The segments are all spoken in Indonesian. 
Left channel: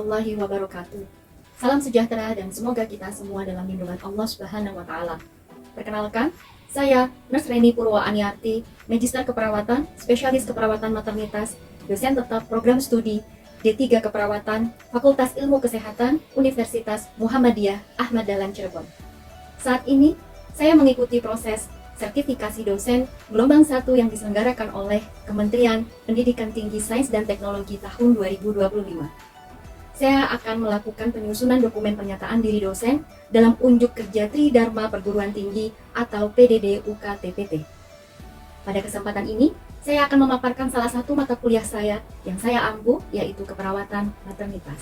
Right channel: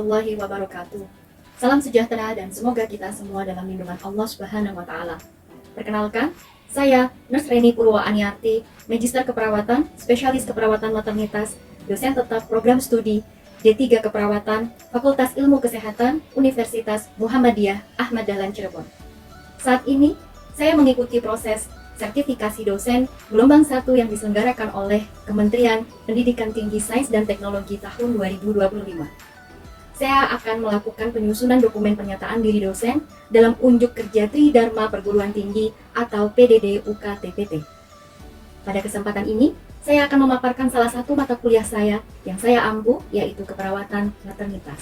warahmatullahi wabarakatuh. Salam sejahtera dan semoga kita semua dalam lindungan Allah Subhanahu wa taala. Perkenalkan, saya Nurse Reni Purwa Aniarti, Magister Keperawatan, Spesialis Keperawatan Maternitas, dosen tetap program studi D3 Keperawatan, Fakultas Ilmu Kesehatan, Universitas Muhammadiyah Ahmad Dahlan Cirebon. Saat ini, saya mengikuti proses sertifikasi dosen gelombang 1 yang diselenggarakan oleh Kementerian Pendidikan Tinggi Sains dan Teknologi tahun 2025. Saya akan melakukan penyusunan dokumen pernyataan diri dosen dalam unjuk kerja Tridharma Perguruan Tinggi atau PDD UKTPT. Pada kesempatan ini, saya akan memaparkan salah satu mata kuliah saya yang saya ampu, yaitu keperawatan maternitas.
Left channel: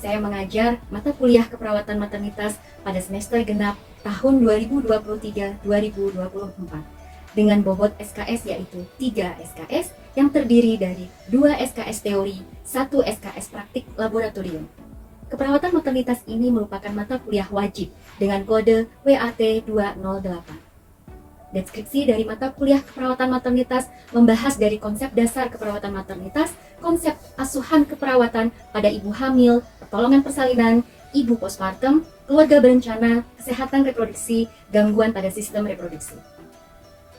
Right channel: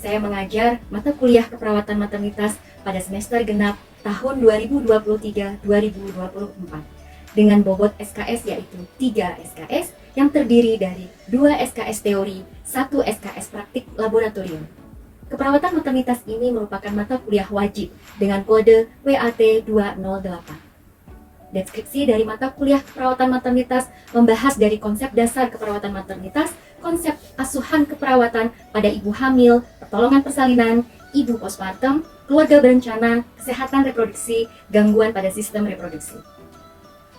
Saya mengajar mata kuliah keperawatan maternitas pada semester genap tahun 2023-2024 dengan bobot SKS yaitu 3 SKS yang terdiri dari 2 SKS teori, 1 SKS praktik laboratorium. Keperawatan maternitas ini merupakan mata kuliah wajib dengan kode WAT 208. Deskripsi dari mata kuliah keperawatan maternitas membahas dari konsep dasar keperawatan maternitas, konsep asuhan keperawatan pada ibu hamil, pertolongan persalinan, ibu postpartum, keluarga berencana, kesehatan reproduksi, gangguan pada sistem reproduksi.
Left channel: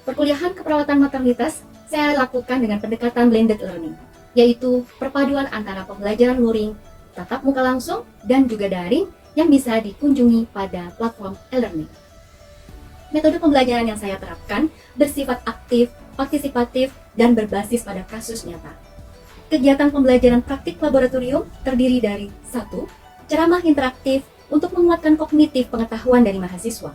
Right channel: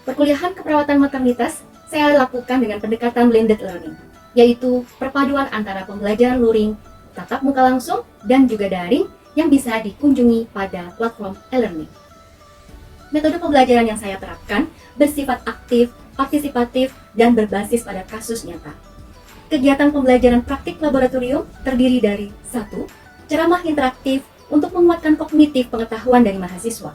Perkuliahan keperawatan maternitas saya lakukan dengan pendekatan blended learning, yaitu perpaduan antara pembelajaran luring, tatap muka langsung, dan juga daring yang bisa dikunjungi pada platform e-learning. Metode pembelajaran yang saya terapkan bersifat aktif, partisipatif, dan berbasis pada kasus nyata. Kegiatan pembelajaran praktik laboratorium terdiri dari 1. Ceramah interaktif untuk menguatkan kognitif pengetahuan dari mahasiswa.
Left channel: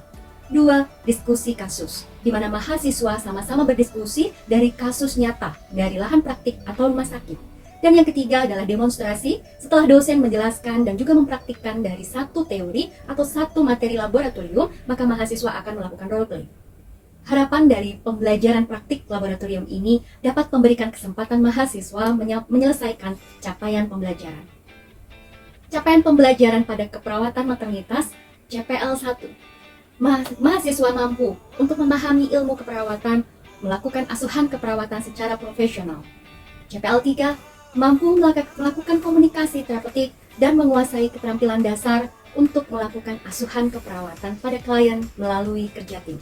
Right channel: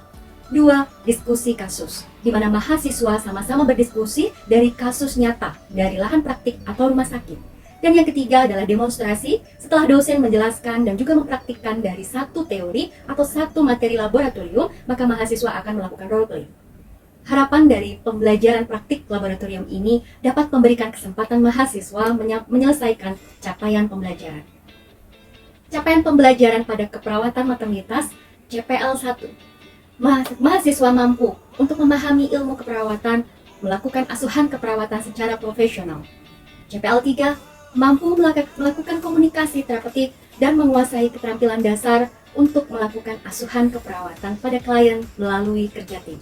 2. Diskusi kasus, di mana mahasiswa sama-sama berdiskusi dari kasus nyata dari lahan praktik atau rumah sakit. Dan yang ketiga adalah demonstrasi setelah dosen menjelaskan dan juga mempraktikkan dari satu teori atau satu materi laboratorium, maka mahasiswa akan melakukan role play. Harapan dari pembelajaran praktik laboratorium ini dapat memberikan kesempatan mahasiswa menyelesaikan capaian pembelajaran. Capaian pembelajaran pada keperawatan maternitas CPL 1. Mahasiswa mampu untuk memahami ilmu keperawatan, melakukan asuhan keperawatan secara profesional. CPL 3. Mampu melakukan komunikasi terapeutik dan menguasai keterampilan dasar untuk melakukan asuhan keperawatan pada klien melalui kerja tim.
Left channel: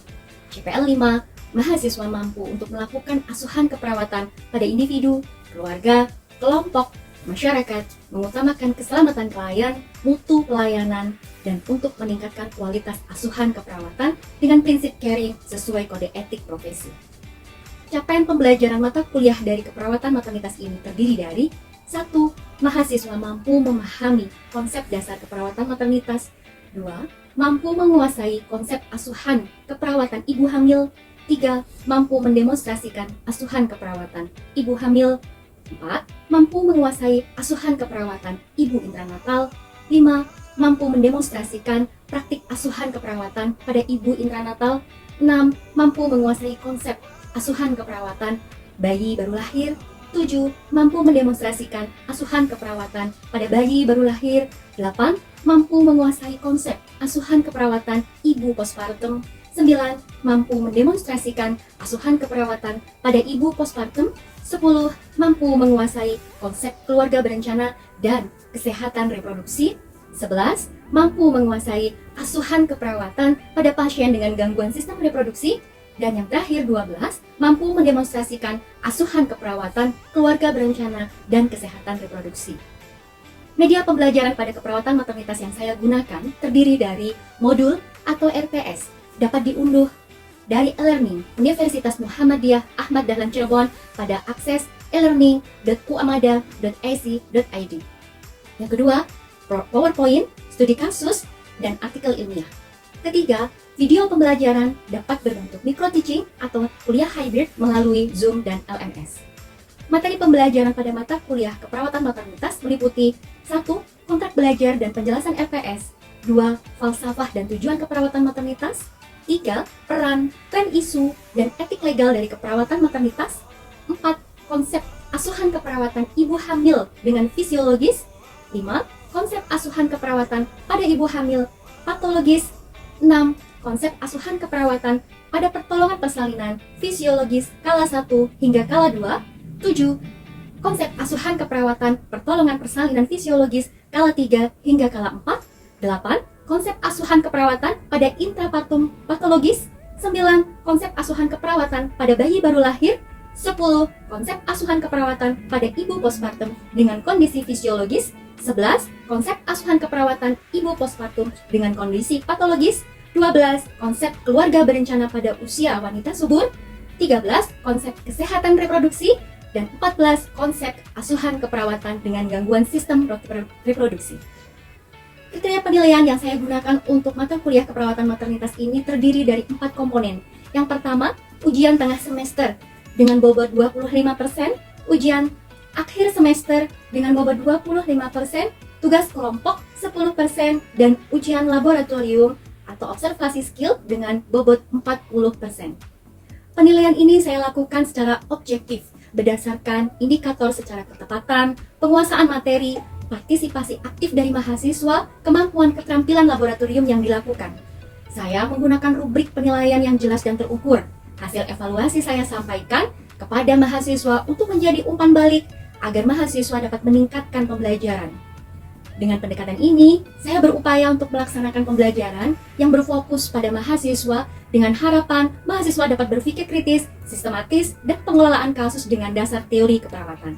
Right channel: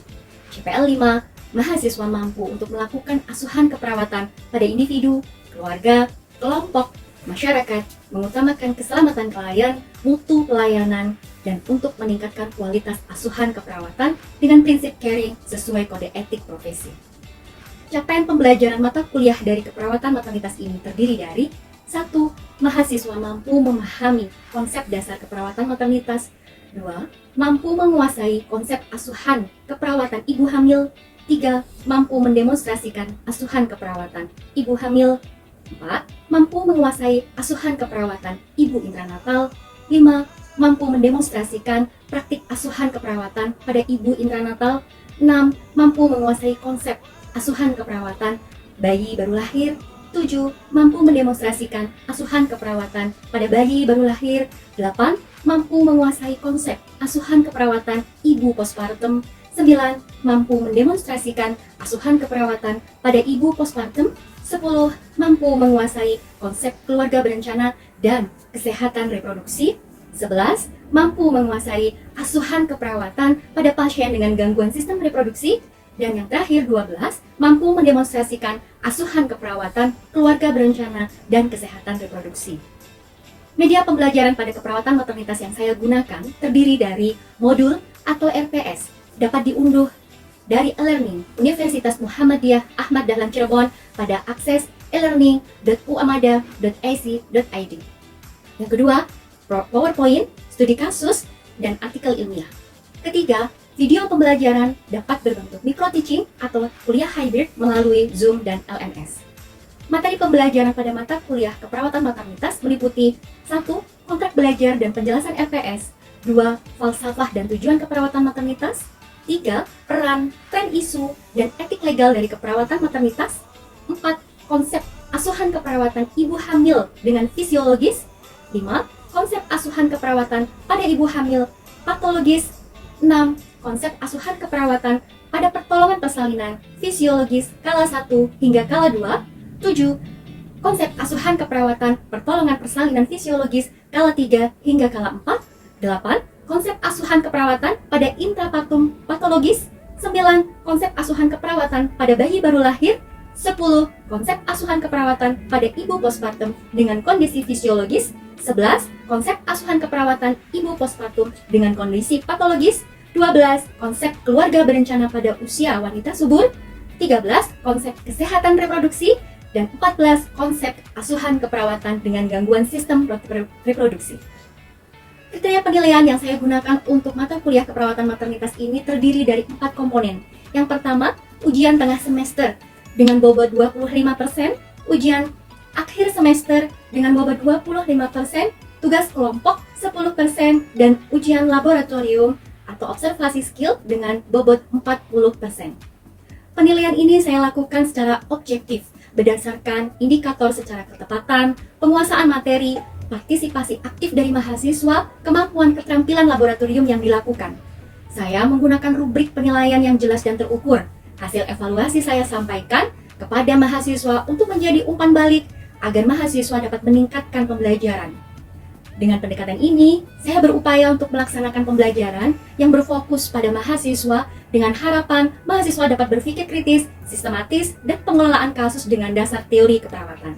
CPL 5. Mahasiswa mampu untuk melakukan asuhan keperawatan pada individu, keluarga, kelompok, masyarakat, mengutamakan keselamatan klien, mutu pelayanan, dan untuk meningkatkan kualitas asuhan keperawatan dengan prinsip caring sesuai kode etik profesi. Capaian pembelajaran mata kuliah dari keperawatan maternitas ini terdiri dari 1. Mahasiswa mampu memahami konsep dasar keperawatan maternitas. 2. Mampu menguasai konsep asuhan keperawatan ibu hamil. 3. Mampu mendemonstrasikan asuhan keperawatan ibu hamil. 4. Mampu menguasai asuhan keperawatan ibu intranatal. 5. Mampu mendemonstrasikan praktik asuhan keperawatan pada ibu intranatal. 6. Mampu menguasai konsep asuhan keperawatan bayi baru lahir. 7. Mampu mendemonstrasikan asuhan keperawatan pada bayi baru lahir. 8. Mampu menguasai konsep asuhan keperawatan ibu postpartum. 9. Mampu mendemonstrasikan asuhan keperawatan pada ibu postpartum. 10. Mampu menguasai konsep keluarga berencana dan kesehatan reproduksi. 11. Mampu menguasai asuhan keperawatan pada pasien dengan gangguan sistem reproduksi. Dan yang terakhir 12, mampu mendemonstrasikan asuhan keperawatan keluarga berencana dan kesehatan reproduksi. Media pembelajaran pada keperawatan maternitas yang saya gunakan terdiri dari modul atau RPS, dapat diunduh dari e-learning Universitas Muhammadiyah Ahmad Dahlan Cirebon pada akses elearning.uamada.ac.id. Yang kedua, PowerPoint, studi kasus, dan artikel ilmiah. Ketiga, video pembelajaran dapat berbentuk micro-teaching atau kuliah hybrid melalui Zoom dan LMS. Materi pembelajaran pada mata kuliah keperawatan maternitas meliputi 1. Kontrak belajar dan penjelasan LPS. 2. Falsafah dan tujuan keperawatan maternitas. 3. Peran, tren isu, dan etik legal dari keperawatan maternitas. 4. Konsep asuhan keperawatan ibu hamil dengan fisiologis. 5. Konsep asuhan keperawatan pada ibu hamil patologis. 6. Konsep asuhan keperawatan pada pertolongan persalinan fisiologis skala 1 hingga skala 2. 7. konsep asuhan keperawatan pertolongan persalinan fisiologis kala 3 hingga kala 4. 8. Konsep asuhan keperawatan pada intrapartum patologis. 9. Konsep asuhan keperawatan pada bayi baru lahir. 10. Konsep asuhan keperawatan pada ibu postpartum dengan kondisi fisiologis. 11. Konsep asuhan keperawatan ibu postpartum dengan kondisi patologis. 12. Konsep keluarga berencana pada usia wanita subur. 13. Konsep kesehatan reproduksi. Dan 14. Konsep asuhan keperawatan dengan gangguan sistem reproduksi. Kriteria penilaian yang saya gunakan untuk mata kuliah keperawatan maternitas ini terdiri dari 4 komponen. Yang pertama, ujian tengah semester dengan bobot 25%, ujian akhir semester dengan bobot 25%, tugas kelompok 10%, dan ujian laboratorium atau observasi skill dengan bobot 40%. Penilaian ini saya lakukan secara objektif, berdasarkan indikator secara ketepatan, penguasaan materi, partisipasi aktif dari mahasiswa, kemampuan keterampilan laboratorium yang dilakukan. Saya menggunakan rubrik penilaian yang jelas dan terukur. Hasil evaluasi saya sampaikan kepada mahasiswa untuk menjadi umpan balik agar mahasiswa dapat meningkatkan pembelajaran. Dengan pendekatan ini, saya berupaya untuk melaksanakan pembelajaran yang berfokus pada mahasiswa dengan harapan mahasiswa dapat berpikir kritis, sistematis, dan pengelolaan kasus dengan dasar teori keperawatan.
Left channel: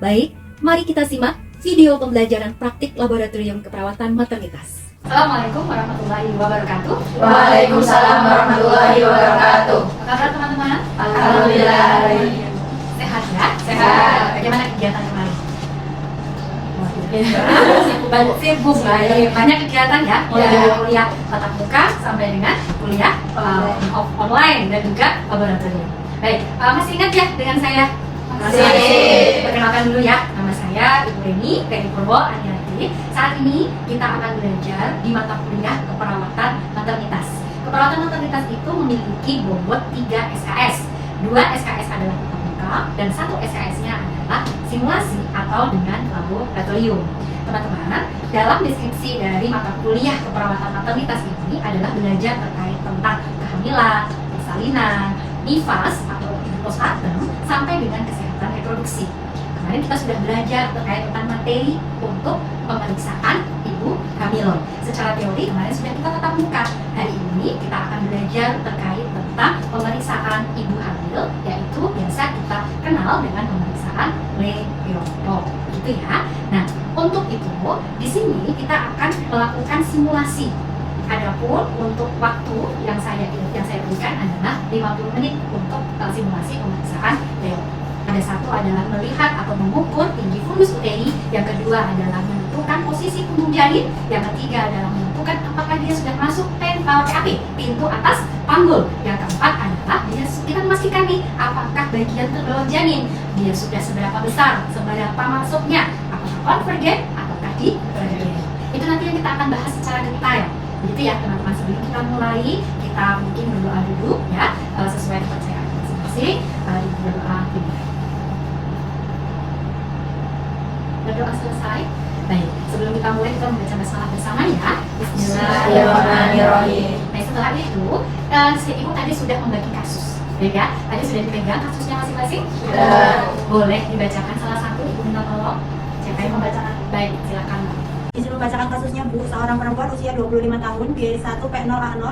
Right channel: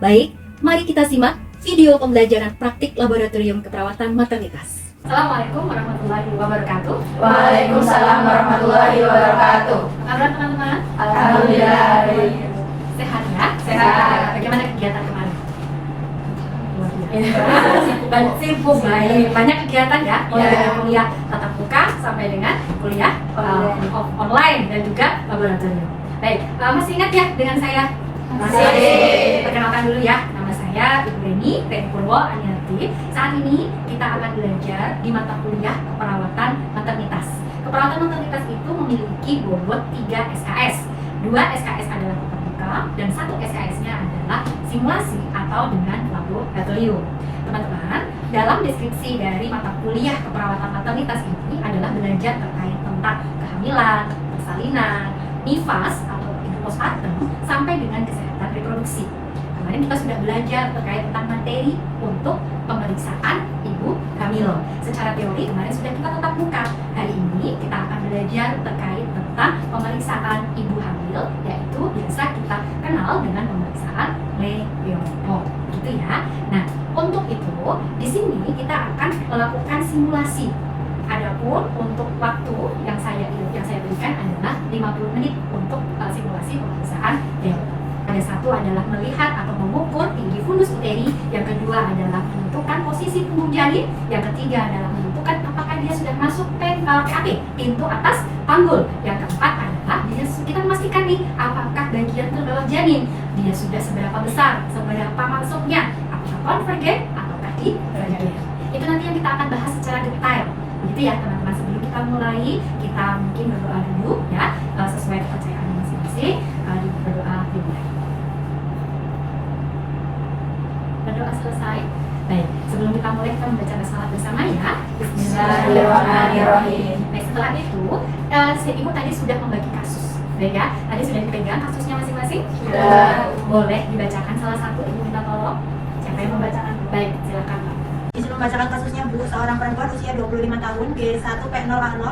Baik, mari kita simak video pembelajaran praktik laboratorium keperawatan maternitas. Assalamualaikum warahmatullahi wabarakatuh. Waalaikumsalam warahmatullahi wabarakatuh. Apa kabar teman-teman? Alhamdulillah. Sehat ya? Sehat. Bagaimana kegiatan kemarin? Sibuk ya, banyak kegiatan ya, mulai dari kuliah tatap muka sampai dengan kuliah online dan juga laboratorium. Baik, masih ingat ya dengan saya? Masih. Perkenalkan dulu ya, nama saya Ibu Reni Purwo Aniati. Saat ini kita akan belajar di mata kuliah keperawatan maternitas. Keperawatan maternitas itu memiliki bobot 3 SKS. 2 SKS adalah tatap muka dan 1 SKS-nya adalah simulasi atau dengan laboratorium. Teman-teman, dalam deskripsi dari mata kuliah keperawatan maternitas ini adalah belajar terkait tentang kehamilan, persalinan, nifas atau postpartum sampai dengan kesehatan reproduksi. Kemarin kita sudah belajar terkait tentang materi untuk pemeriksaan ibu hamil. Secara teori kemarin sudah kita tatap muka. Hari ini kita akan belajar terkait tentang pemeriksaan ibu hamil, yaitu biasa kita kenal dengan pemeriksaan Leopold, gitu ya. Nah, untuk itu di sini kita akan melakukan simulasi. Adapun untuk waktu yang saya berikan adalah 50 menit untuk simulasi pemeriksaan Leopold. Ada satu adalah melihat atau mengukur tinggi fundus uteri, yang kedua adalah menentukan posisi punggung janin, yang ketiga adalah menentukan apakah dia sudah masuk PAP, pintu atas panggul, yang keempat adalah kita memastikan nih apakah bagian terbawah janin dia sudah seberapa besar, seberapa masuknya, apakah konvergen ataukah divergen. Itu nanti yang kita akan bahas secara detail. Begitu ya teman-teman. Sebelum kita mulai, kita mungkin berdoa dulu ya, sesuai kepercayaan masing-masing. Berdoa dulu. Berdoa selesai. Baik, sebelum kita mulai kita membaca salat bersama ya. Bismillahirrahmanirrahim. Nah, setelah itu si ibu tadi sudah membagi kasus. Baik ya, tadi sudah dipegang kasusnya masing-masing. Sudah. Boleh dibacakan salah satu, ibu minta tolong. Siapa yang membacakan? Baik, silakan Mbak. Disuruh membacakan kasusnya Bu, seorang perempuan usia 25 tahun, biaya 1 P0A0,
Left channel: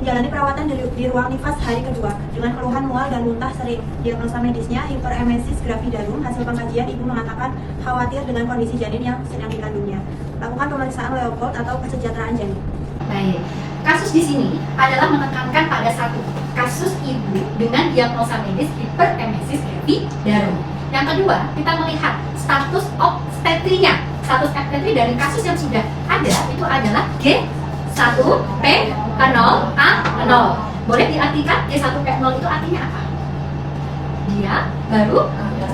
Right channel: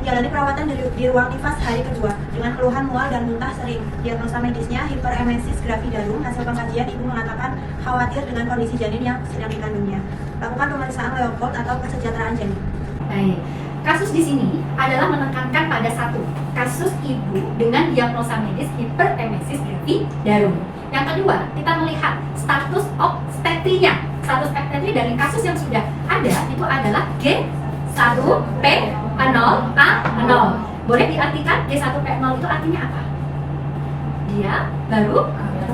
menjalani perawatan di ruang nifas hari kedua dengan keluhan mual dan muntah sering. Diagnosa medisnya hiperemesis gravidarum. Hasil pengkajian ibu mengatakan khawatir dengan kondisi janin yang sedang dikandungnya. Lakukan pemeriksaan Leopold atau kesejahteraan janin. Baik, kasus di sini adalah menekankan pada satu, kasus ibu dengan diagnosa medis hiperemesis gravidarum. Yang kedua, kita melihat status obstetrinya. Status obstetri dari kasus yang sudah ada itu adalah G1P0A0. Boleh diartikan G1P0 itu artinya apa? Dia baru?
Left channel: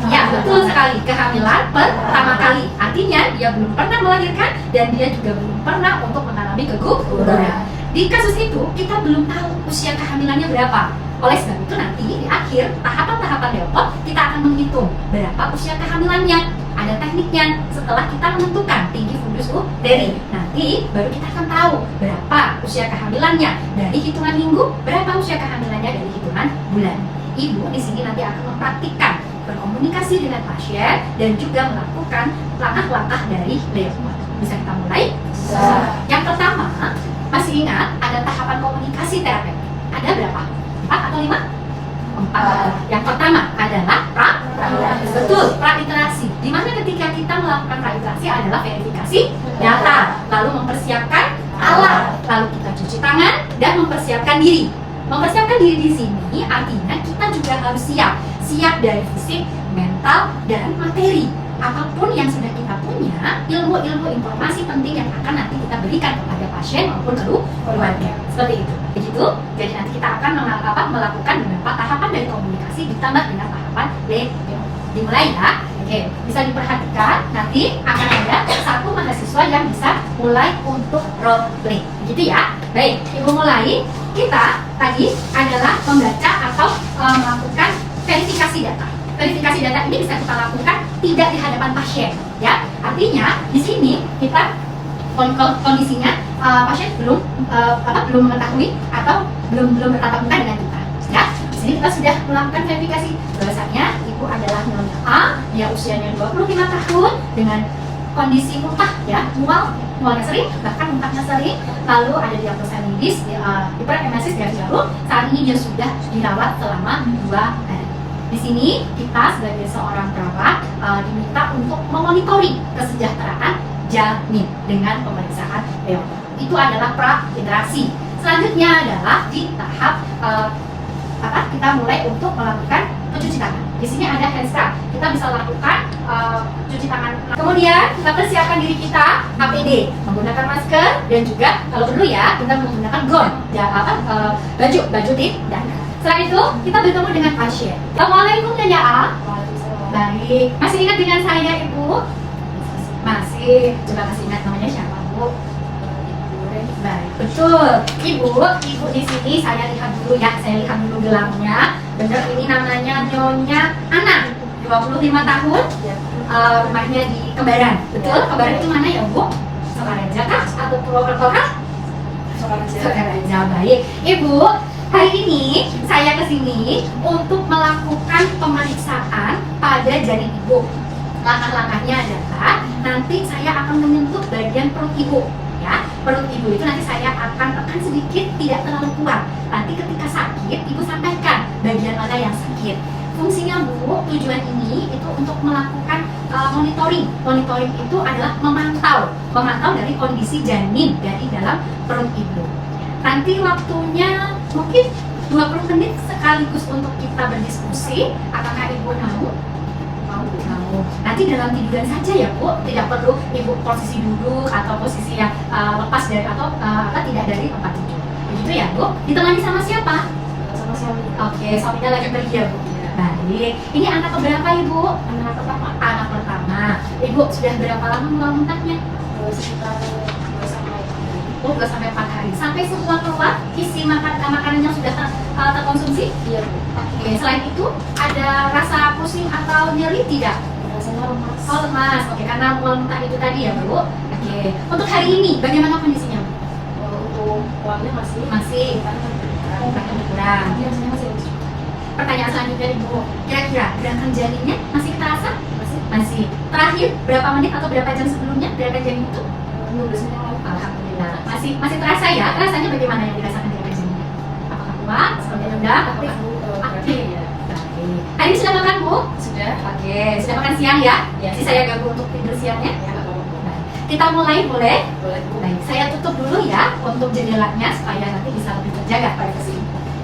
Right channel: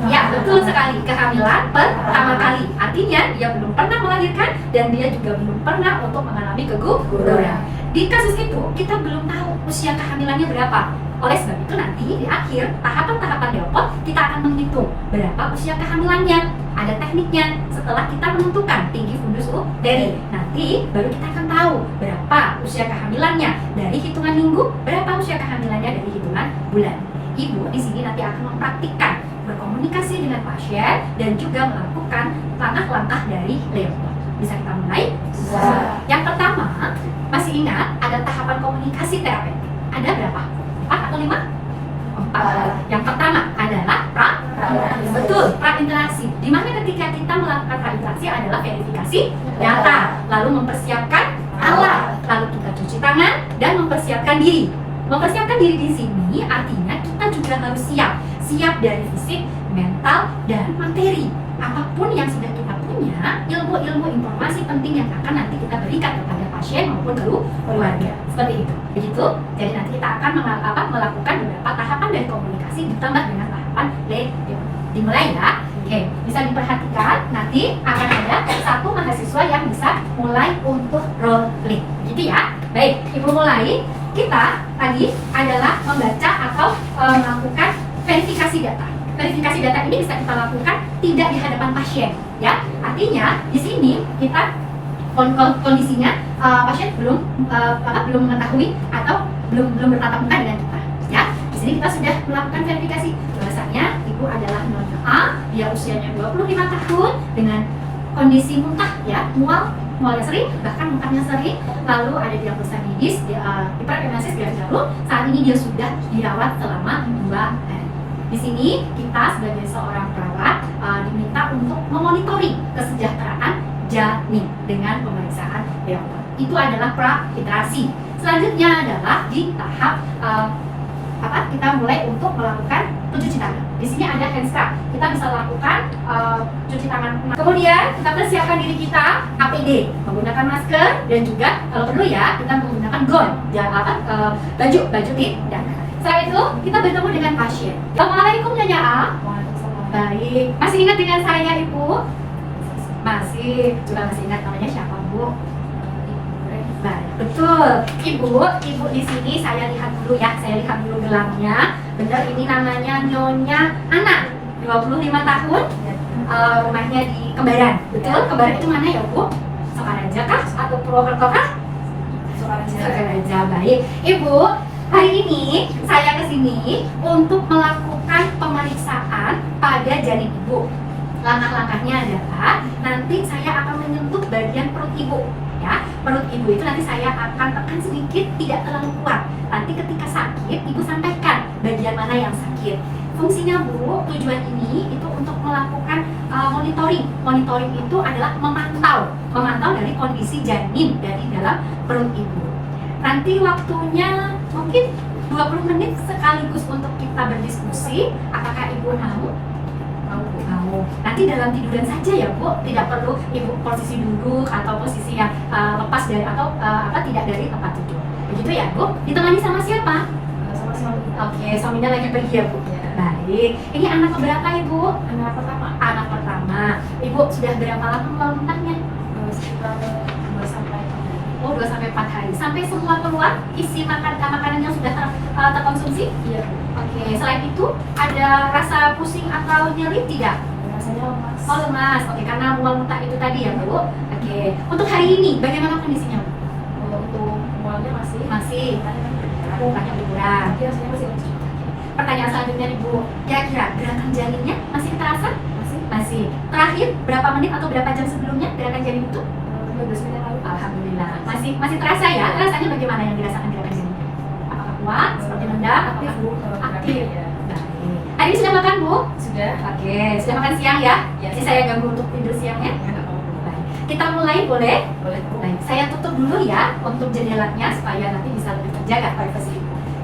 Ya, betul sekali. Kehamilan pertama kali. Artinya dia belum pernah melahirkan dan dia juga belum pernah untuk mengalami keguguran. Di kasus itu kita belum tahu usia kehamilannya berapa. Oleh sebab itu nanti di akhir tahapan-tahapan Leopold kita akan menghitung berapa usia kehamilannya. Ada tekniknya. Setelah kita menentukan tinggi fundus uteri, nanti baru kita akan tahu berapa usia kehamilannya dari hitungan minggu, berapa usia kehamilannya dari hitungan bulan. Ibu di sini nanti akan mempraktikkan berkomunikasi berkomunikasi dengan pasien dan juga melakukan langkah-langkah dari Leopold. Bisa kita mulai? Yang pertama, masih ingat ada tahapan komunikasi terapeutik. Ada berapa? 4 atau 5? 4. Yang pertama adalah betul, pra-interaksi. Di mana ketika kita melakukan pra-interaksi adalah verifikasi data, lalu mempersiapkan alat, lalu kita cuci tangan dan mempersiapkan diri. Mempersiapkan diri di sini artinya kita juga harus siap dari fisik, mental, dan materi. Apapun yang sudah kita punya, ilmu-ilmu informasi penting yang akan nanti kita berikan kepada pasien maupun keluarga. Seperti itu. Begitu. Jadi nanti kita akan melakukan beberapa tahapan dari komunikasi ditambah dengan tahapan play. Dimulai ya. Oke, bisa diperhatikan nanti akan ada satu mahasiswa yang bisa mulai untuk role play. Begitu ya. Baik, Ibu mulai. Kita tadi adalah membaca atau melakukan verifikasi data. Verifikasi data ini bisa kita lakukan tidak di hadapan pasien, ya. Artinya di sini kita kondisinya pasien belum mengetahui atau belum bertatap muka dengan kita, ya. Di sini kita sudah melakukan verifikasi bahwasanya ibu adalah Nyonya A, dia usianya 25 tahun dengan kondisi muntah, ya, mualnya sering, bahkan muntahnya sering, lalu ada diagnosa medis, hiperemesis dari lalu, saat ini dia sudah dirawat selama 2 hari. Di sini kita sebagai seorang perawat diminta untuk memonitoring kesejahteraan janin dengan pemeriksaan Leopold. Itu adalah pra-interaksi. Selanjutnya adalah di tahap kita mulai untuk melakukan pencuci tangan. Di sini ada hand scrub. Kita bisa lakukan cuci tangan. Kemudian kita persiapkan diri kita APD, menggunakan masker dan juga kalau perlu ya kita menggunakan gown, ya baju tindak. Setelah itu kita bertemu dengan pasien. Assalamualaikum Nyonya A. Baik. Masih ingat dengan saya Ibu? Masih. Coba masih ingat namanya siapa Bu? Baik, betul. Ibu di sini saya lihat dulu ya. Saya lihat dulu gelangnya. Benar, ini namanya Nyonya Ana, 25 tahun. Rumahnya di Kembaran. Betul? Kembaran itu mana ya Bu? Sokaraja kah? Atau Purwokerto kah? Sokaraja. Baik. Ibu, hari ini saya kesini untuk melakukan pemeriksaan pada janin ibu. Langkah-langkahnya adalah nanti saya akan menyentuh bagian perut ibu. Ya, perut ibu itu nanti saya akan tekan sedikit, tidak terlalu kuat. Nanti ketika sakit, ibu sampaikan bagian mana yang sakit. Fungsinya Bu, tujuan ini itu untuk melakukan monitoring. Monitoring itu adalah memantau dari kondisi janin dari dalam perut ibu. Nanti waktunya mungkin 20 menit sekaligus untuk kita berdiskusi. Apakah ibu mau? Nanti dalam tiduran saja ya Bu, tidak perlu ibu posisi duduk atau posisi yang lepas dari atau tidak dari tempat tidur. Begitu ya Bu? Ditemani sama siapa? Sama suami. Oke, suaminya lagi pergi ya Bu. Baik. Ini anak keberapa Ibu? Anak pertama. Anak pertama. Ibu sudah berapa lama muntahnya? 2-4 hari. Sampai semua keluar, isi makanannya sudah terkonsumsi? Iya. Oke. Selain itu ada rasa pusing atau nyeri tidak? Rasanya lemas. Oh lemas. Oke, karena muntah itu tadi ya Bu. Oke. Untuk hari ini bagaimana kondisinya? Untuk mualnya masih kurang. Pertanyaan selanjutnya Ibu, kira-kira gerakan janinnya masih terasa? Masih. Terakhir berapa menit atau berapa jam sebelumnya gerakan janin itu? Alhamdulillah. Masih terasa ya? Rasanya bagaimana yang dirasakan gerakan janinnya? Apakah kuat? Seperti rendah? Aktif. Hari ini sudah makan Bu? Sudah. Oke, sudah makan siang ya? Jadi saya ganggu untuk tidur siangnya? Baik. Kita mulai boleh? Boleh. Baik, saya tutup dulu ya untuk jendelanya supaya nanti bisa lebih terjaga privasi.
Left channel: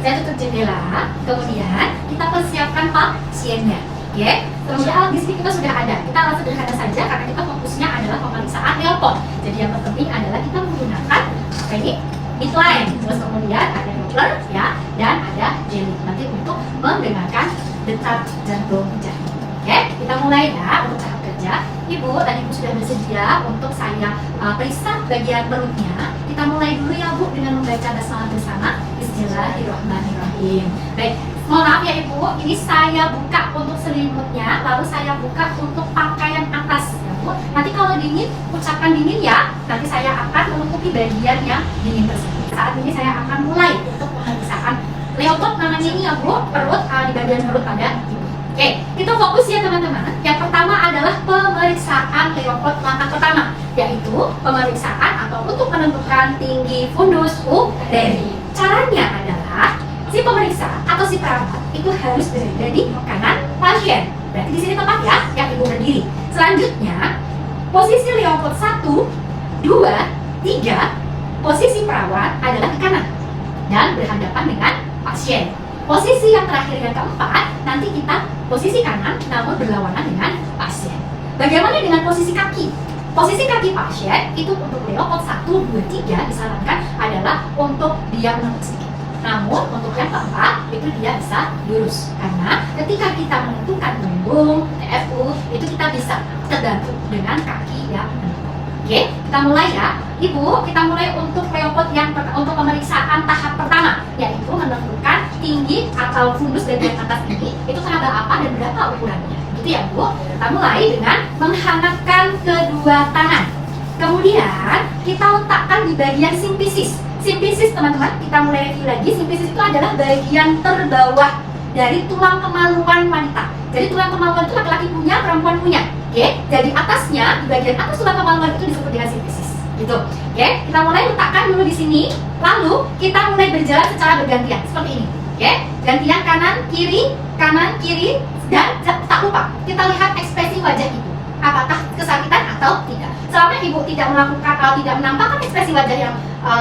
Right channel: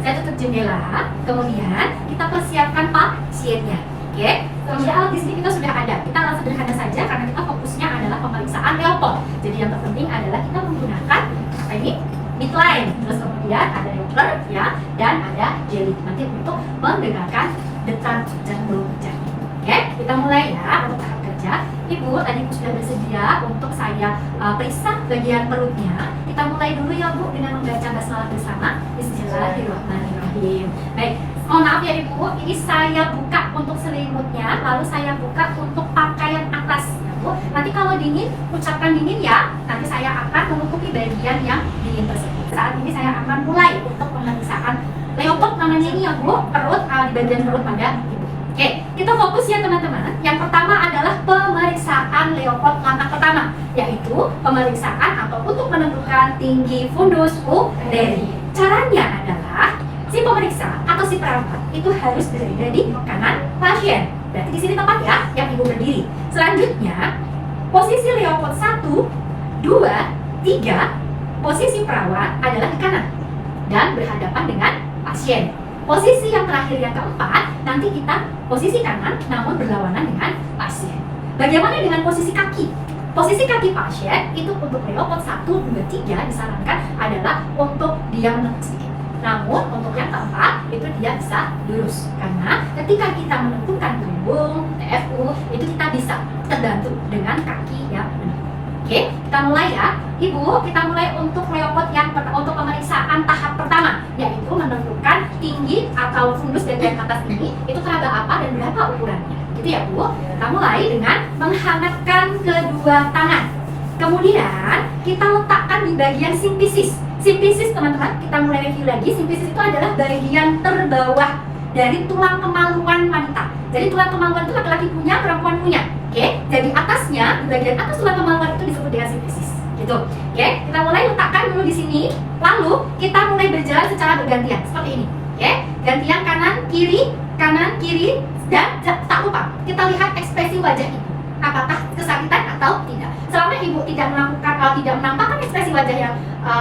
Saya tutup jendela, kemudian kita persiapkan pasiennya. Oke, kemudian alat di sini kita sudah ada. Kita alat sederhana saja karena kita fokusnya adalah pemeriksaan Leopold. Jadi yang terpenting adalah kita menggunakan apa ini? Midline. Terus kemudian ada Doppler ya, dan ada jelly nanti untuk mendengarkan detak jantung janin. Oke, kita mulai ya untuk tahap kerja. Ibu, tadi Ibu sudah bersedia untuk saya periksa bagian perutnya. Kita mulai dulu ya Bu dengan membaca basmalah bersama. Bismillahirrahmanirrahim. Baik, mohon maaf ya Ibu, ini saya buka untuk selimutnya, lalu saya buka untuk pakaian atas ya Bu. Nanti kalau dingin, ucapkan dingin ya. Nanti saya akan menutupi bagian yang dingin tersebut. Saat ini saya akan mulai untuk pemeriksaan Leopold namanya ini ya Bu, perut di bagian perut pada Ibu. Oke, kita Kita fokus ya teman-teman. Yang pertama adalah pemeriksaan Leopold langkah pertama, yaitu pemeriksaan atau untuk menentukan tinggi fundus uderi. Caranya adalah si pemeriksa atau si perawat itu harus berada di kanan pasien. Berarti di sini tempat ya yang ibu berdiri. Selanjutnya posisi Leopold 1, 2, 3, posisi perawat adalah di kanan dan berhadapan dengan pasien. Posisi yang terakhir yang keempat, nanti kita posisi kanan namun berlawanan dengan pasien. Bagaimana dengan posisi kaki? Posisi kaki pasien itu untuk Leopold 1, 2, 3 disarankan adalah untuk dia menekuk sedikit. Namun untuk yang keempat itu dia bisa lurus. Karena ketika kita menentukan punggung, TFU, itu kita bisa terbantu dengan kaki yang menentuk. Oke, kita mulai ya. Ibu, kita mulai untuk Leopold untuk pemeriksaan tahap pertama, yaitu menentukan tinggi atau fundus bagian atas ini itu teraba apa dan berapa ukurannya. Gitu ya Bu. Kita mulai dengan menghangatkan kedua tangan. Kemudian kita letakkan di bagian simpisis. Simpisis teman-teman, kita mulai review lagi. Simpisis itu adalah bagian terbawah dari tulang kemaluan wanita. Jadi tulang kemaluan itu laki-laki punya, perempuan punya. Oke, jadi atasnya, di bagian atas tulang kemaluan itu disebut dengan simpisis. Gitu. Oke, kita mulai letakkan dulu di sini. Lalu kita mulai berjalan secara bergantian seperti ini. Oke, gantian kanan kiri, dan tak lupa kita lihat ekspresi wajah ibu. Apakah kesakitan atau tidak? Selama ibu tidak melakukan atau tidak menampakkan ekspresi wajah yang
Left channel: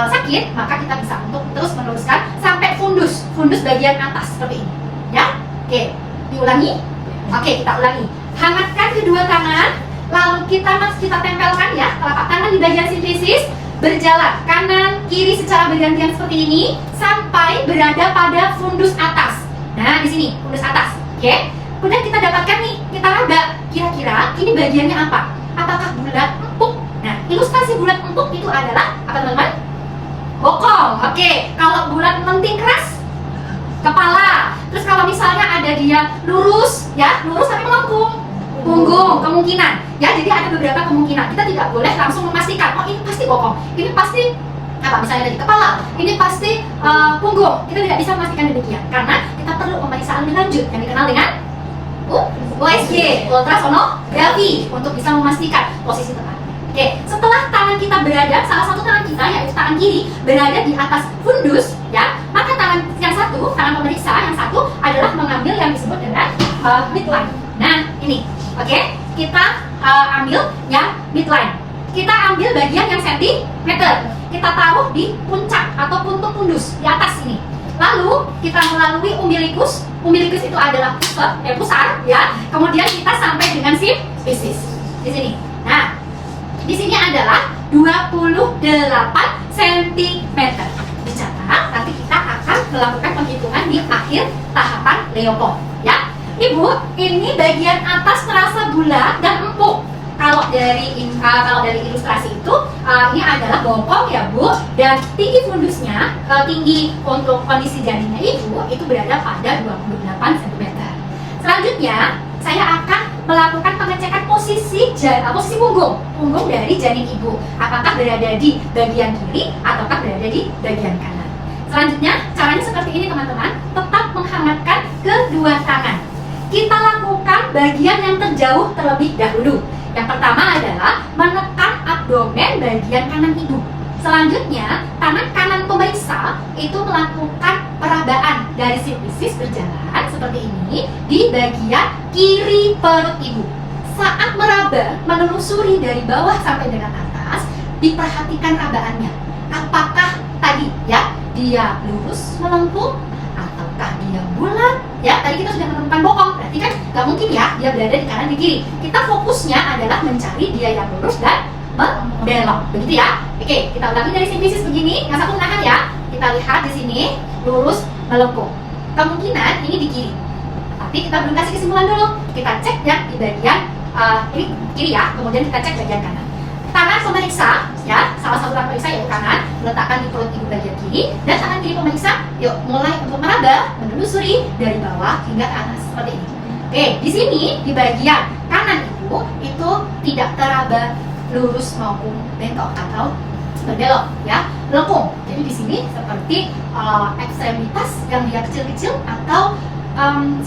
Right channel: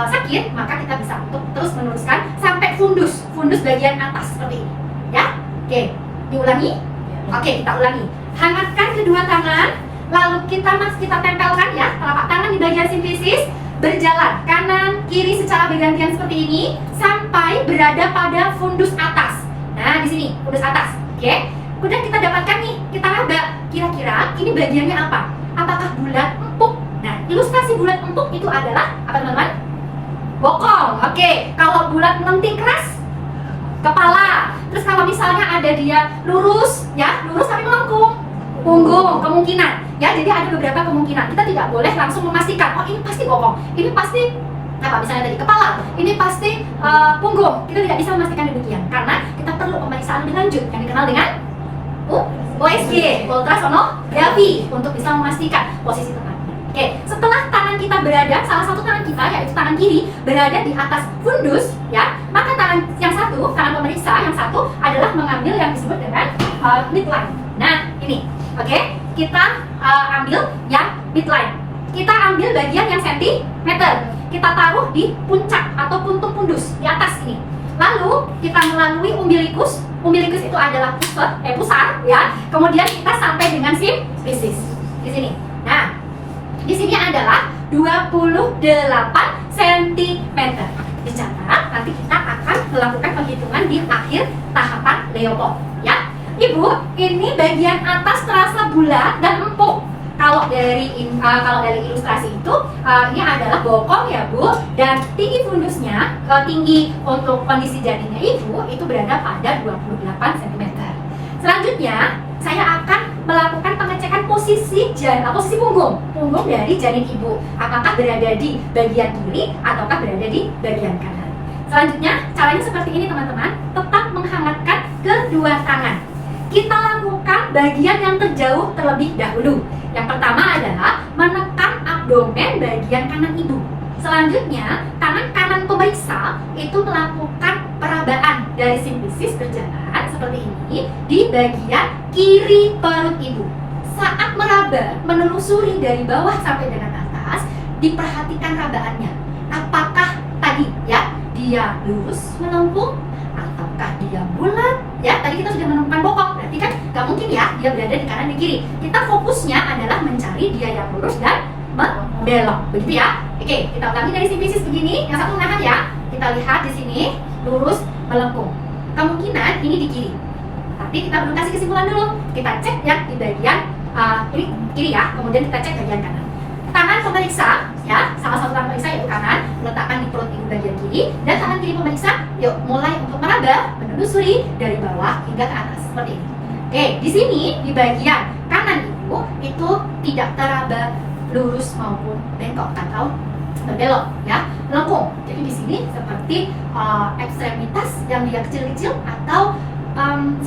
sakit, maka kita bisa untuk terus meneruskan sampai fundus bagian atas seperti ini. Ya, oke, diulangi. Oke, kita ulangi. Hangatkan kedua tangan. Lalu kita tempelkan ya telapak tangan di bagian simpisis, berjalan kanan kiri secara bergantian seperti ini sampai berada pada fundus atas. Nah, di sini fundus atas. Oke. Kemudian kita dapatkan nih, kita raba kira-kira ini bagiannya apa? Apakah bulat empuk? Nah, ilustrasi bulat empuk itu adalah apa teman-teman? Bokong. Oke. Kalau bulat lenting keras, kepala. Terus kalau misalnya ada dia lurus, ya lurus tapi melengkung, punggung kemungkinan. Ya, jadi ada beberapa kemungkinan. Kita tidak boleh langsung memastikan, oh ini pasti bokong, ini pasti apa misalnya dari kepala, ini pasti punggung. Kita tidak bisa memastikan demikian karena kita perlu pemeriksaan lebih lanjut yang dikenal dengan USG, ultrasonografi, untuk bisa memastikan posisi tepat. Oke, setelah tangan kita berada, salah satu tangan kita yaitu tangan kiri berada di atas fundus, ya, maka tangan yang satu, tangan pemeriksa yang satu adalah mengambil yang disebut dengan midline. Nah, ini, oke, kita ambil yang midline. Kita ambil bagian yang sentimeter. Kita taruh di puncak atau puntung fundus di atas ini. Lalu kita melalui umbilikus. Umbilikus itu adalah pusar, ya. Kemudian kita sampai dengan simpisis di sini. Nah, di sini adalah 28 cm. Dicatat, nanti kita akan melakukan penghitungan di akhir tahapan Leopold, ya. Ibu, ini bagian atas terasa bulat dan empuk. Kalau dari ilustrasi itu, ini adalah bokong ya Bu, dan tinggi fundusnya, tinggi untuk kondisi janinnya ibu itu berada pada 28 cm. Selanjutnya, saya akan melakukan pengecekan posisi punggung dari janin ibu. Apakah berada di bagian kiri ataukah berada di bagian kanan. Selanjutnya, caranya seperti ini teman-teman, tetap menghangatkan kedua tangan. Kita lakukan bagian yang terjauh terlebih dahulu. Yang pertama adalah menekan abdomen bagian kanan ibu. Selanjutnya, tangan kanan pemeriksa itu melakukan perabaan dari simpisis berjalan seperti ini di bagian kiri perut ibu. Saat meraba, menelusuri dari bawah sampai dengan atas, diperhatikan rabaannya. Apakah tadi ya dia lurus melengkung ataukah dia bulat? Ya, tadi kita sudah menemukan bokong, berarti kan nggak mungkin ya dia berada di kanan di kiri. Kita fokusnya adalah mencari dia yang lurus dan membelok, begitu ya. Oke, kita ulangi dari simpisis begini, yang satu menahan ya. Kita lihat di sini lurus melengkung. Kemungkinan ini di kiri. Tapi kita belum kasih kesimpulan dulu. Kita cek ya di bagian ini kiri ya, kemudian kita cek bagian kanan. Tangan pemeriksa, ya, salah satu tangan pemeriksa yaitu kanan, letakkan di perut ibu bagian kiri, dan tangan kiri pemeriksa, yuk mulai untuk meraba, menelusuri dari bawah hingga ke atas seperti ini. Oke, di sini di bagian kanan itu tidak teraba lurus maupun bengkok atau berbelok, ya, melengkung. Jadi di sini seperti ekstremitas yang dia kecil-kecil atau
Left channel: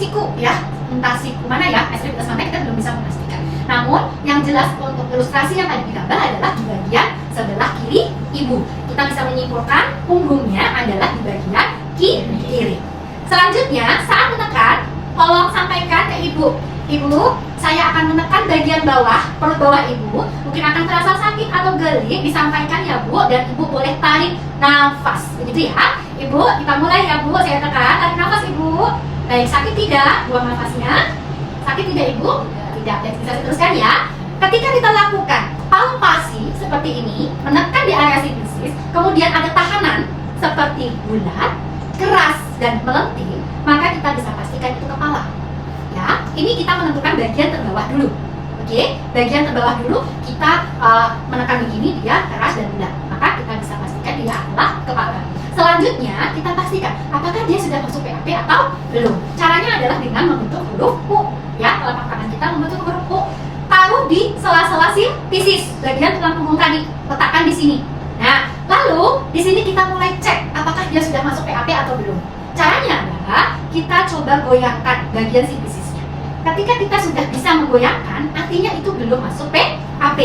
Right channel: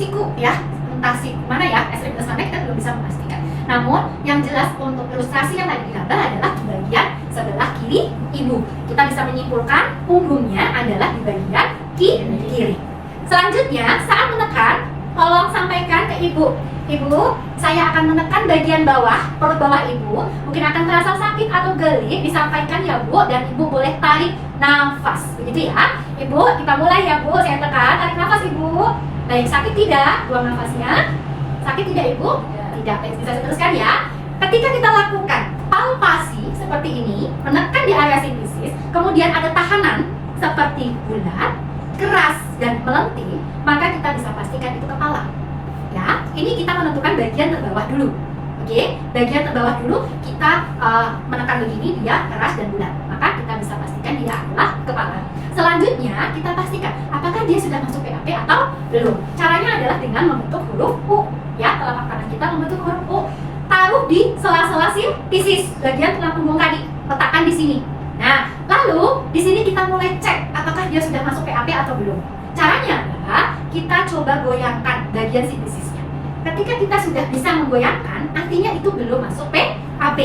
siku, ya, entah siku mana ya, S plus sampai kita belum bisa memastikan. Namun yang jelas untuk ilustrasi yang tadi digambar adalah di bagian sebelah kiri ibu. Kita bisa menyimpulkan punggungnya adalah di bagian kiri. Selanjutnya saat menekan, tolong sampaikan ke ibu. Ibu, saya akan menekan bagian bawah, perut bawah ibu. Mungkin akan terasa sakit atau geli, disampaikan ya bu. Dan ibu boleh tarik nafas, begitu ya. Ibu, kita mulai ya bu. Saya tekan, tarik nafas ibu. Baik, sakit tidak? Buang nafasnya. Sakit tidak ibu? Tidak. Baik, bisa teruskan ya. Ketika kita lakukan palpasi seperti ini, menekan di area sinusis, kemudian ada tahanan seperti bulat, keras dan melenting, maka kita bisa pastikan itu kepala. Ya, ini kita menentukan bagian terbawah dulu. Oke, bagian terbawah dulu kita menekan begini, dia keras dan bulat, maka kita bisa pastikan dia adalah kepala. Selanjutnya kita pastikan apakah dia sudah masuk PAP atau belum. Caranya adalah dengan membentuk huruf U. Ya, telapak tangan kita membentuk huruf U. Taruh di sela-sela sifisis, bagian tulang punggung tadi, letakkan di sini. Nah, lalu di sini kita mulai cek apakah dia sudah masuk PAP atau belum. Caranya adalah kita coba goyangkan bagian sifisisnya. Ketika kita sudah bisa menggoyangkan, artinya itu belum masuk PAP.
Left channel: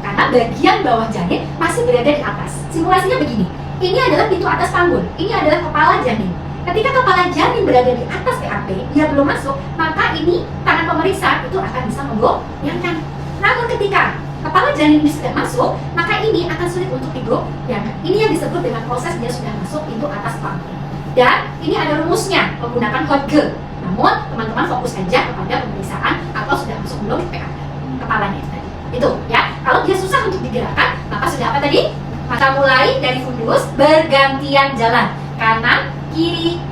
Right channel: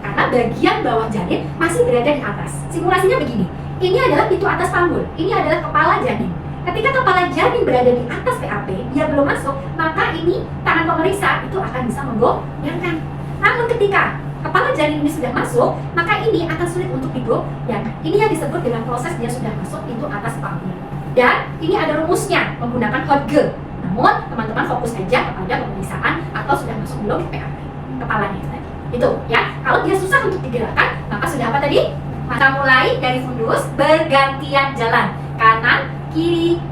Karena bagian bawah janin masih berada di atas. Simulasinya begini. Ini adalah pintu atas panggul. Ini adalah kepala janin. Ketika kepala janin berada di atas PAP, dia belum masuk, maka ini tangan pemeriksa itu akan bisa menggoyangkan. Namun ketika kepala janin ini sudah masuk, maka ini akan sulit untuk digoyangkan. Ini yang disebut dengan proses dia sudah masuk pintu atas panggul. Dan ini ada rumusnya menggunakan Hodge. Namun teman-teman fokus saja kepada pemeriksaan atau sudah masuk belum PAP kepalanya itu tadi. Itu ya. Kalau dia susah untuk digerakkan, maka sudah apa tadi? Maka mulai dari fundus bergantian jalan kanan kiri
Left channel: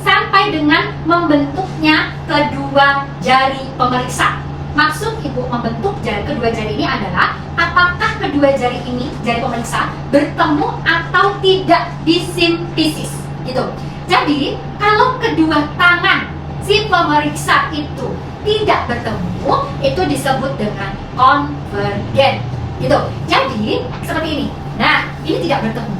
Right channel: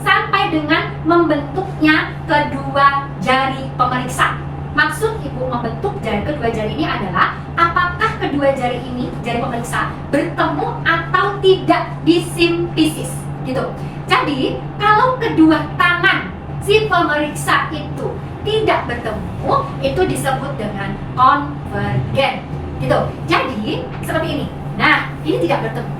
sampai dengan membentuknya kedua jari pemeriksa. Maksud ibu membentuk kedua jari ini adalah apakah kedua jari ini, jari pemeriksa, bertemu atau tidak di simfisis, gitu. Jadi kalau kedua tangan si pemeriksa itu tidak bertemu, itu disebut dengan konvergen, gitu. Jadi seperti ini. Nah, ini tidak bertemu.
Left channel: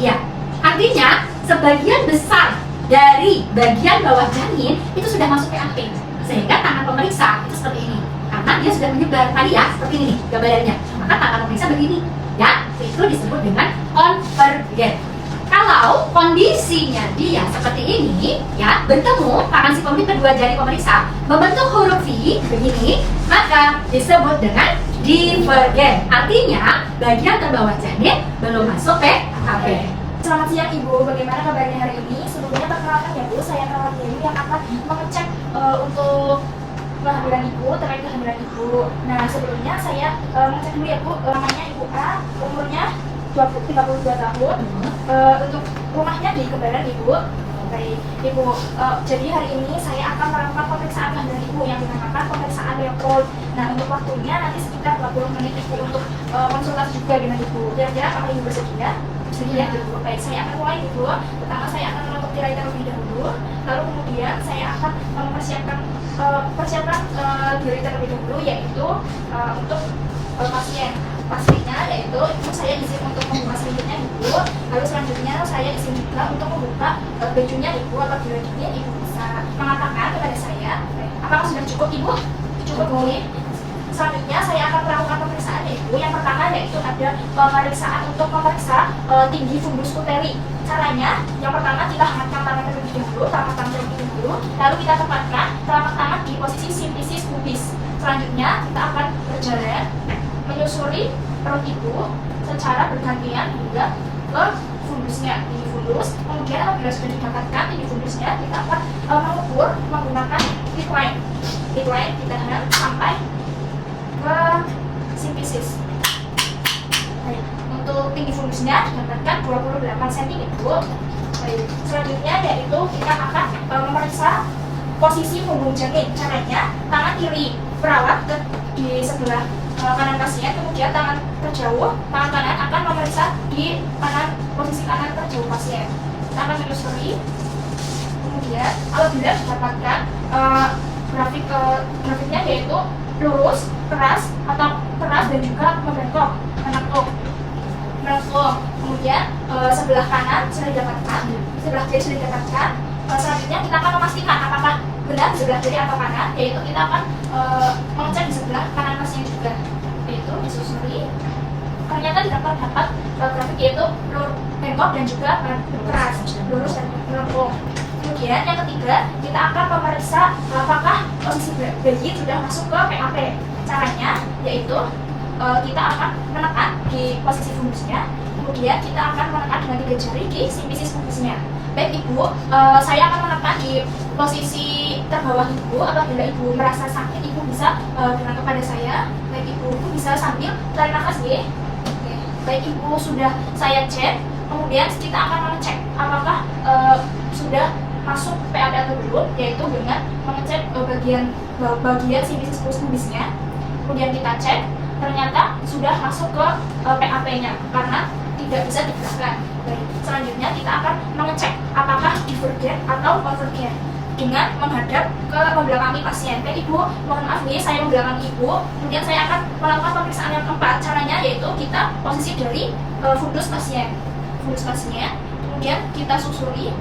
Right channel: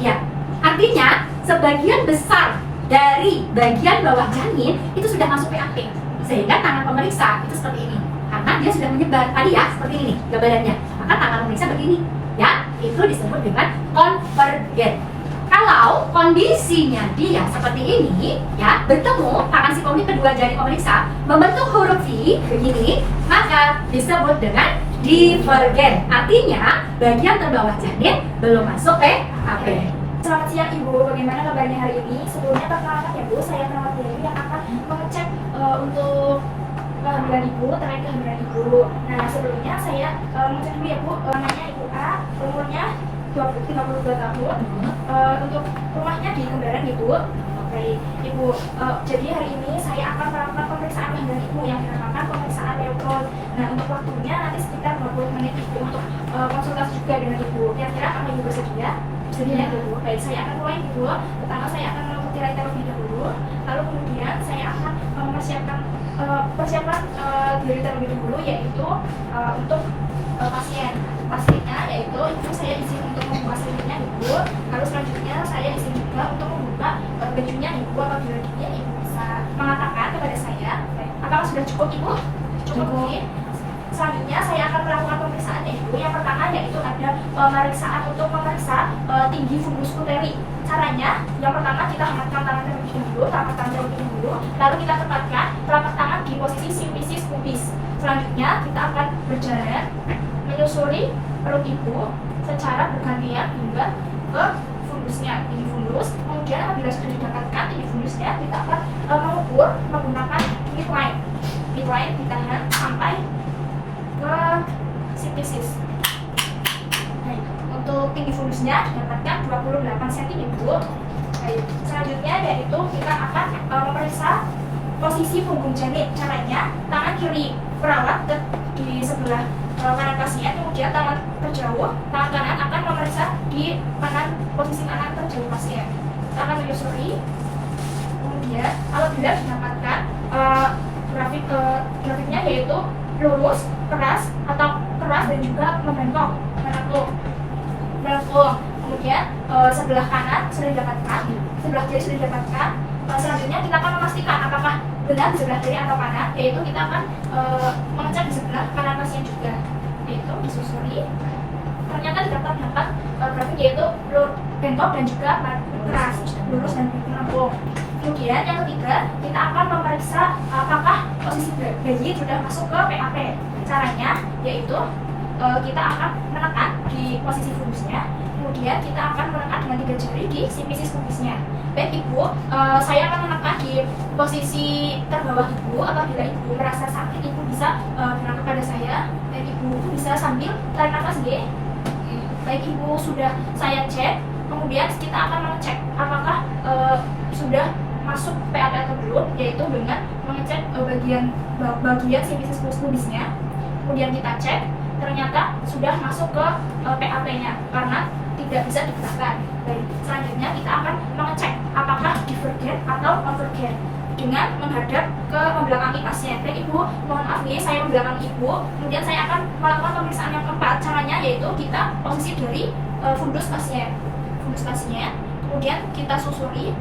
Ya, artinya sebagian besar dari bagian bawah janin itu sudah masuk PAP, sehingga tangan pemeriksa itu seperti ini. Karena dia sudah menyebar tadi ya, seperti ini gambarannya. Maka tangan pemeriksa begini, ya, itu disebut dengan konvergen. Kalau kondisinya dia seperti ini, ya, bertemu tangan si pemeriksa kedua jari pemeriksa membentuk huruf V begini, maka disebut dengan divergen. Artinya bagian terbawah janin belum masuk PAP. Selamat siang Ibu, bagaimana kabarnya hari ini? Sebelumnya perkenalkan ya Bu, saya Kak Dewi yang akan mengecek untuk kehamilan Ibu, terkait kehamilan Ibu. Nah sebelumnya saya mengecek dulu ya Bu, namanya Ibu A, umurnya 32 tahun, untuk rumahnya di Kembaran Ibu. Baik Ibu, jadi hari ini saya akan melakukan pemeriksaan kehamilan Ibu yang dinamakan pemeriksaan Leopold. Nah untuk waktunya nanti sekitar 20 menit Ibu untuk konsultasi juga dengan Ibu. Kira-kira kalau Ibu bersedia? Bersedia Ibu. Baik, saya akan mulai Ibu. Pertama saya akan menutup tirai terlebih dahulu, lalu kemudian saya akan mempersiapkan diri terlebih dahulu, yaitu untuk pasiennya, yaitu Ibu saya izin untuk membuka selimutnya Ibu. Lalu selanjutnya saya izin juga untuk membuka bajunya Ibu. Apabila ini Ibu bisa mengatakan kepada saya, apakah sudah cukup Ibu? Cukup boleh. Selanjutnya saya akan melakukan pemeriksaan Ibu. Yang pertama yaitu ada pemeriksaan untuk memeriksa tinggi fundus uteri. Caranya, yang pertama kita angkat tangan terlebih dahulu, telapak tangan terlebih dahulu, lalu kita tempatkan telapak tangan di posisi simfisis pubis. Selanjutnya kita akan berjalan menyusuri perut Ibu secara bergantian hingga ke fundusnya, tinggi fundus. Kemudian apabila sudah didapatkan tinggi fundusnya, kita akan mengukur menggunakan hip line. Hip line ditahan sampai ke simfisis. Untuk tinggi fundusnya didapatkan 28 cm Ibu. Baik. Selanjutnya yaitu kita akan memeriksa posisi punggung janin. Caranya tangan kiri perawat di sebelah kanan pasien, kemudian tangan terjauh, tangan kanan akan memeriksa di posisi kanan terjauh pasien. Tangan menyusuri. Kemudian apabila didapatkan grafiknya yaitu lurus, keras dan juga membengkok, menekuk. Kemudian sebelah kanan sudah didapatkan, sebelah kiri sudah didapatkan, Selanjutnya kita akan memastikan apakah benar di sebelah kiri atau kanan, yaitu kita akan mengecek di sebelah kanan pasien juga, yaitu disusuri. Ternyata tidak terdapat grafik yaitu bengkok dan juga keras, lurus dan melengkung. Kemudian yang ketiga, kita akan memeriksa apakah posisi bayi sudah masuk ke PAP. Caranya yaitu kita akan menekan di posisi fundusnya, kemudian kita akan menekan dengan 3 jari di simpisis fundusnya. Baik Ibu, saya akan menekan di posisi terbawah Ibu. Apabila Ibu merasa sakit, Ibu bisa bilang kepada saya. Baik Ibu bisa sambil tarik nafas G. Baik Ibu, sudah saya cek, kemudian kita akan mengecek apakah sudah masuk PAP atau belum, yaitu dengan mengecek bagian simpisis pubisnya. Kemudian kita cek, ternyata sudah masuk ke PAP-nya karena tidak bisa digerakkan. Baik, selanjutnya kita akan mengecek apakah divergen atau overgen dengan menghadap ke membelakangi pasien. Baik Ibu, mohon maaf nih, saya membelakangi Ibu. Kemudian saya akan melakukan pemeriksaan yang keempat. Caranya yaitu kita posisi dari fundus pasien, kemudian kita susuri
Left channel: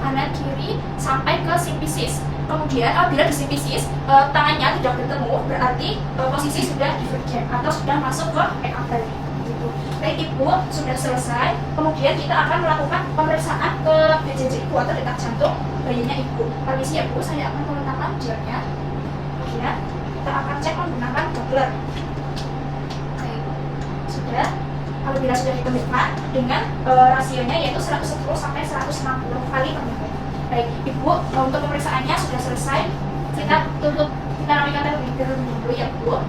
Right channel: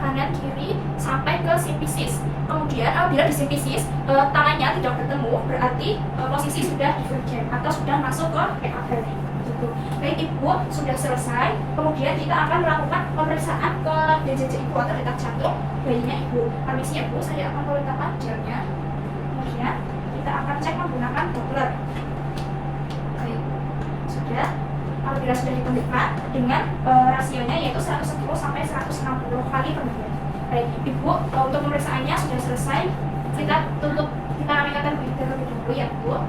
kanan kiri sampai ke simpisis. Kemudian apabila di simpisis tangannya tidak bertemu, berarti posisi sudah divergen atau sudah masuk ke PAP. Gitu. Baik Ibu, sudah selesai. Kemudian kita akan melakukan pemeriksaan ke BJJ Ibu atau detak jantung bayinya Ibu. Permisi ya Bu, saya akan meletakkan gelnya. Kemudian kita akan cek menggunakan Doppler. Baik, sudah. Apabila sudah ditemukan dengan rasionya yaitu 110 sampai 160 kali per menit. Baik Ibu, untuk pemeriksaannya sudah selesai. Kita rapikan terlebih dahulu ya Bu.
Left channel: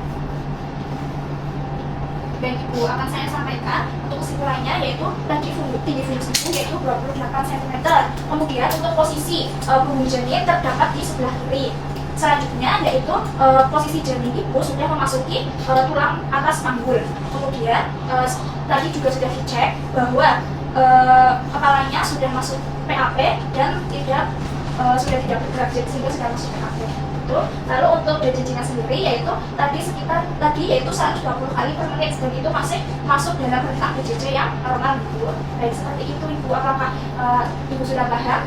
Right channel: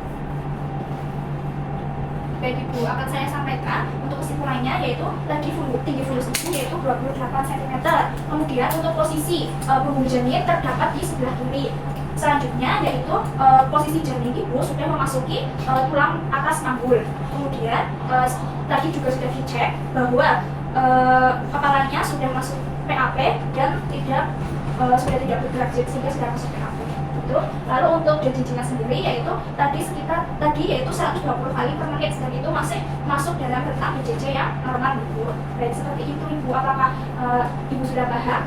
Baik Ibu, akan saya sampaikan untuk kesimpulannya yaitu tinggi fundus Ibu yaitu 28 cm. Kemudian untuk posisi punggung janin terdapat di sebelah kiri. Selanjutnya yaitu posisi janin Ibu sudah memasuki tulang atas panggul. Kemudian tadi juga sudah dicek bahwa kepalanya sudah masuk PAP dan sudah tidak bergerak sehingga sudah masuk PAP. Lalu untuk BJJ-nya sendiri yaitu tadi yaitu 120 kali per menit, dan itu masih masuk dalam rentang BJJ yang normal Ibu. Baik, seperti itu Ibu, apakah Ibu sudah paham?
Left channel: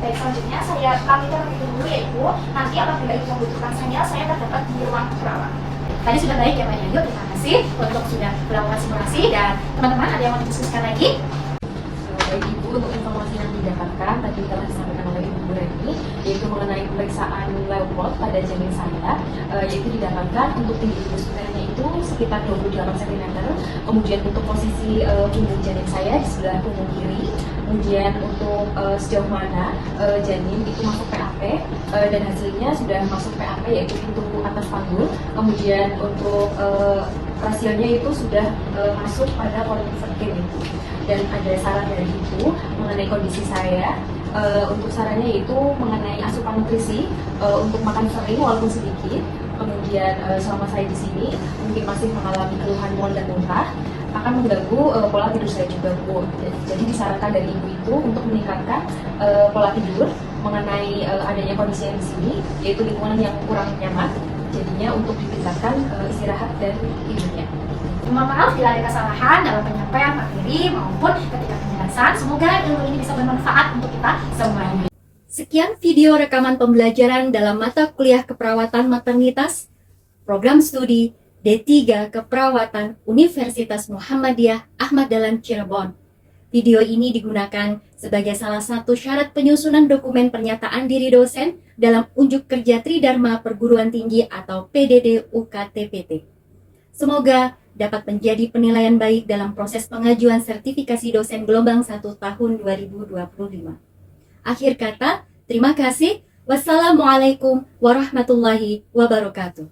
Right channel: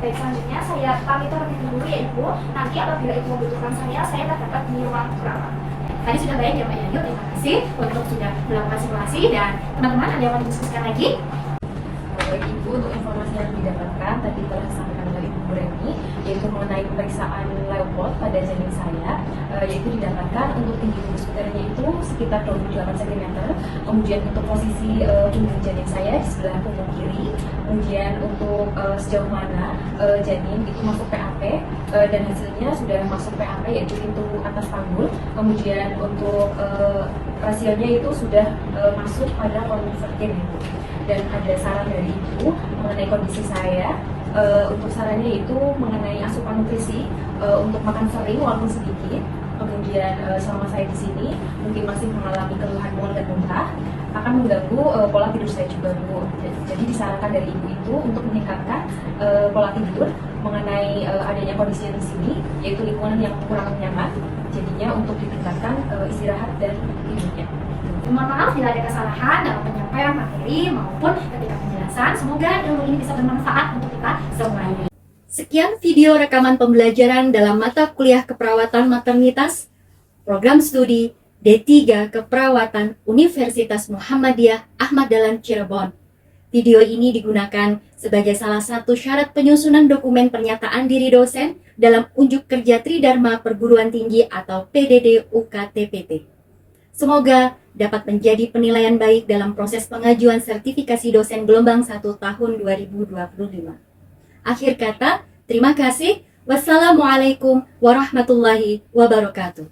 Baik, selanjutnya saya pamit terlebih dahulu ya Ibu. Nanti apabila Ibu membutuhkan saya terdapat di ruang perawat. Tadi sudah baik ya Mbak Yayu, terima kasih untuk sudah melakukan simulasi. Dan teman-teman ada yang mau didiskusikan lagi? Baik Ibu, untuk informasi yang didapatkan tadi telah disampaikan oleh Ibu Reni, yaitu mengenai pemeriksaan Leupold pada janin saya, yaitu didapatkan untuk tinggi fundus uterusnya itu sekitar 28 cm. Kemudian untuk posisi punggung janin saya di sebelah punggung kiri. Kemudian untuk sejauh mana janin itu masuk PAP, dan hasilnya sudah masuk PAP yaitu pintu atas panggul. Kemudian untuk rasionya itu sudah masuk pada konvergen itu. Dan ada saran dari Ibu mengenai kondisi saya. Untuk sarannya yaitu mengenai asupan nutrisi, untuk makan sering walaupun sedikit. Kemudian selama saya di sini mungkin masih mengalami keluhan mual dan muntah, akan mengganggu pola tidur saya juga Bu. Jadi disarankan dari Ibu itu untuk meningkatkan pola tidur mengenai adanya kondisi yang di sini, yaitu lingkungan yang kurang nyaman. Jadinya untuk ditingkatkan istirahat dan tidurnya. Mohon maaf bila ada kesalahan dalam penyampaian materi maupun ketika penjelasan. Semoga ilmu ini bisa bermanfaat untuk kita semuanya. Sekian video rekaman pembelajaran dalam mata kuliah keperawatan maternitas, program studi D3 Keperawatan Universitas Muhammadiyah Ahmad Dahlan Cirebon. Video ini digunakan sebagai salah satu syarat penyusunan dokumen pernyataan diri dosen dalam unjuk kerja Tridharma Perguruan Tinggi atau PDD UKTPT. Semoga dapat menjadi penilaian baik dalam proses pengajuan sertifikasi dosen gelombang 1 tahun 2025. Akhir kata, terima kasih. Wassalamualaikum warahmatullahi wabarakatuh.